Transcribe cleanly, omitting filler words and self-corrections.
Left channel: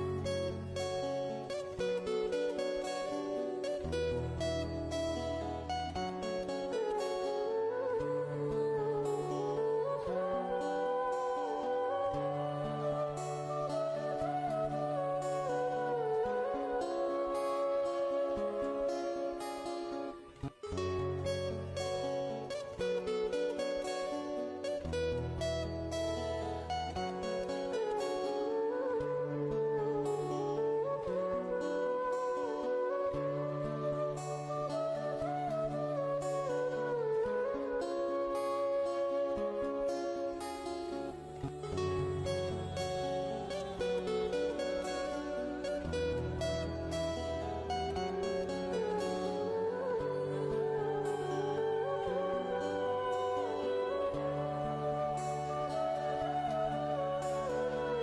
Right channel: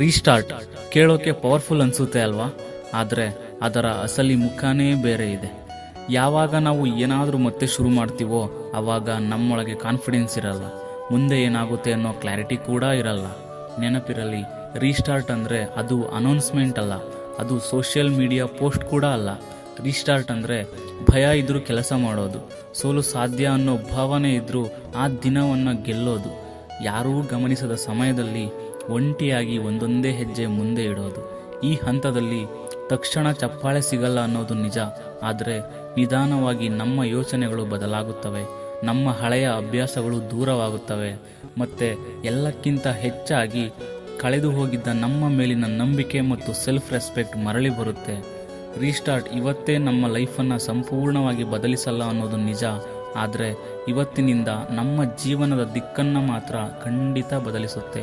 Restart ಕೇಳೋಕೆ powerful ಅನಿಸುತ್ತೆ ಅಲ್ವಾ? ಆದರೆ ಅದರ ಅಸಲಿ ಮುಖನೇ ಬೇರೆ ಇದೆ. ಯಾವಾಗ ನಾವು ಏನಾದರೂ ಮತ್ತೆ ಶುರು ಮಾಡ್ತೀವೋ ಆವಾಗ ನಮ್ಮೊಳಗೆ ಕಾನ್ಫಿಡೆನ್ಸ್ ಇರಲ್ಲ, ಮುಂದೆ ಏನಾಗುತ್ತೆ ಅನ್ನೋ ಕ್ಲಾರಿಟಿ ಕೂಡ ಇರಲ್ಲ. ನೆನಪಿರಲಿ, ರೀಸ್ಟಾರ್ಟ್ ಅಂದರೆ ಅದು ಅನೌನ್ಸ್ಮೆಂಟ್ ಅಲ್ಲ, ಅದು ಸೋಷಿಯಲ್ ಮೀಡಿಯಾ ಪೋಸ್ಟ್ ಕೂಡ ಅಲ್ಲ. ರೀಸ್ಟಾರ್ಟ್ ಅಂದರೆ ಭಯ ಇದ್ದರೂ ಕೆಲಸ ಮಾಡೋದು, ಸೋಲು ಸಾಧ್ಯ ಅನ್ನೋ ಭಾವನೆ ಇದ್ದರೂ ಆ ದಿನವನ್ನು ಗೆಲ್ಲೋದು, ಯಾರೂ ಗಮನಿಸದ ಸಮಯದಲ್ಲಿ ಒಂಟಿಯಾಗಿ ಒಂದೊಂದೇ ಹೆಜ್ಜೆ ಮುಂದೆ ಇಡೋದು. ಈ ಹಂತದಲ್ಲಿ ತಕ್ಷಣ ಚಪ್ಪಾಳೆ ಸಿಗಲ್ಲ ಅನ್ನೋದು ನಿಜ, ಆದರೆ ನಿಧಾನವಾಗಿ ನಮ್ಮ ಯೋಚನೆಗಳು ಬದಲಾಗುತ್ತವೆ, ನಮ್ಮ ಹಳೆಯ ಅಭ್ಯಾಸಗಳು ದೂರವಾಗುತ್ತವೆ, ಮತ್ತು ಎಲ್ಲಕ್ಕಿಂತ ಹೆಚ್ಚಾಗಿ ಕಳೆದು ಹೋಗಿದ್ದ ನಮ್ಮ ಮೇಲಿನ ನಂಬಿಕೆ ಮತ್ತು ಸೆಲ್ಫ್ ರೆಸ್ಪೆಕ್ಟ್ ಮರಳಿ ಬರುತ್ತೆ. ರೀಸ್ಟಾರ್ಟ್ ಇವತ್ತೇ ನಮ್ಮ ಲೈಫನ್ನು ಸಂಪೂರ್ಣವಾಗಿ ಬದಲಿಸಲ್ಲ ಅನ್ನೋದು ನಿಜ, ಆದರೆ ಇವತ್ತಿನಿಂದ ನಮ್ಮ ಜೀವನದ ದಿಕ್ಕನ್ನು ಮಾತ್ರ ಖಂಡಿತ ಬದಲಿಸುತ್ತೆ.